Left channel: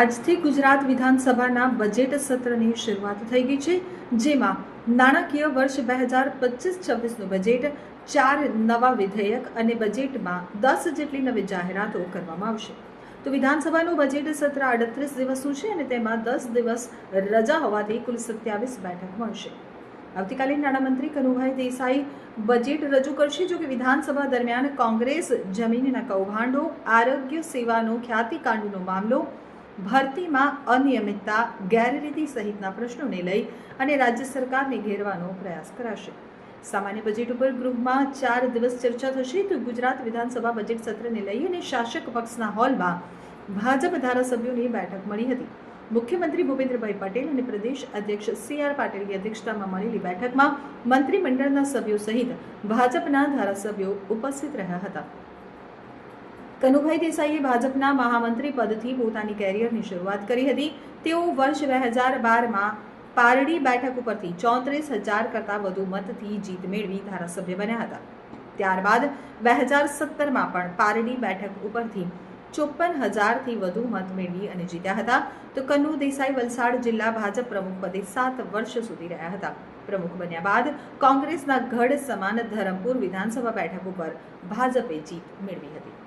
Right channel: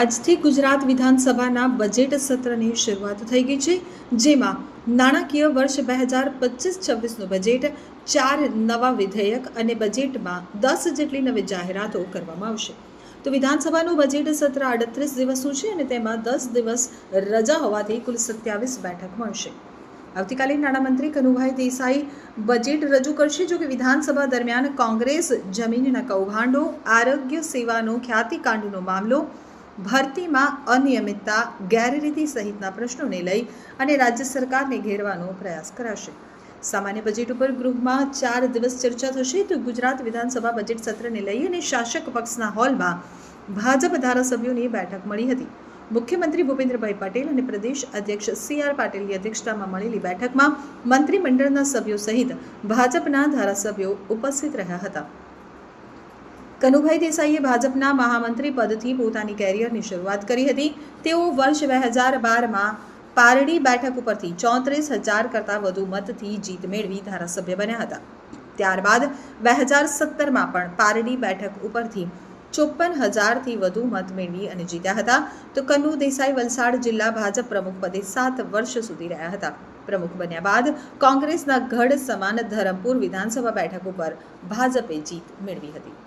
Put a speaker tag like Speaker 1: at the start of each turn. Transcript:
Speaker 1: આજથી ગુજરાત વિધાનસભાના બજેટ સત્રની શરૂઆત થઈ ગઈ છે, જેમાં નાણાકીય વર્ષ બે હજાર પચીસ છવ્વીસનું બજેટ ચાર નવા વિધેયક અને બજેટમાં દસ જેટલી નવી જાહેરાતો કરવામાં આવશે. તો વિધાનસભાનું બજેટ સત્ર આડત્રીસ દિવસનું છે અને તેમાં દસ દિવસ રજા હોવાથી કુલ સત્યાવીસ બેઠક મળશે. આવતીકાલે નાણામંત્રી કનુભાઈ દેસાઈ બજેટ રજૂ કરશે જો કે વિધાનસભા દરમિયાન કોંગ્રેસ જમીનના કૌભાંડો, આરોગ્ય સેવાનો ખ્યાતિકાંડનો મામલો ભરતીમાં અનિયમિતતા, ગેરરીતિ સહિતના પ્રશ્નોને લઈ અને રાજ્ય સરકારને ઘેરવાનો પ્રયાસ કરાશે. સામાન્ય બજેટ ઉપર ગૃહમાં ચાર દિવસ ચર્ચા થશે તો ગુજરાત વિધાનસભા બજેટ સત્રને લઈ અને શાસક પક્ષના હોલમાં ભાજપ ધારાસભ્યોની બેઠક મળી હતી. મુખ્યમંત્રી ભૂપેન્દ્રભાઈ પટેલ અને પ્રદેશ અધ્યક્ષ સી આર પાટીલની અધ્યક્ષતામાં મળેલી બેઠકમાં મંત્રીમંડળના સભ્યો સહિત ભાજપના ધારાસભ્યો ઉપસ્થિત રહ્યા હતા. કનુભાઈ દેસાઈએ ભાજપના મહામંત્રી પદથી પોતાની કેરિયરની શરૂઆત કરી હતી. તેઓ વર્ષ બે હજાર બારમાં પારડી બેઠક ઉપરથી ચોત્રીસ હજાર કરતાં વધુ મતથી જીત મેળવી ધારાસભ્ય બન્યા હતા. ત્યારબાદ બે હજાર સત્તરમાં પણ પારડી બેઠક ઉપરથી ચોપન હજારથી વધુ મત મેળવી અને જીત્યા હતા. તો કનુ દેસાઈ વલસાડ જિલ્લા ભાજપ પ્રમુખ પદે સાત વર્ષ સુધી રહ્યા હતા. પ્રમુખ બન્યા બાદ કોંગ્રેસના ગઢ સમાન ધરમપુર વિધાનસભા બેઠક ઉપર ભાજપે જીત મેળવી હતી.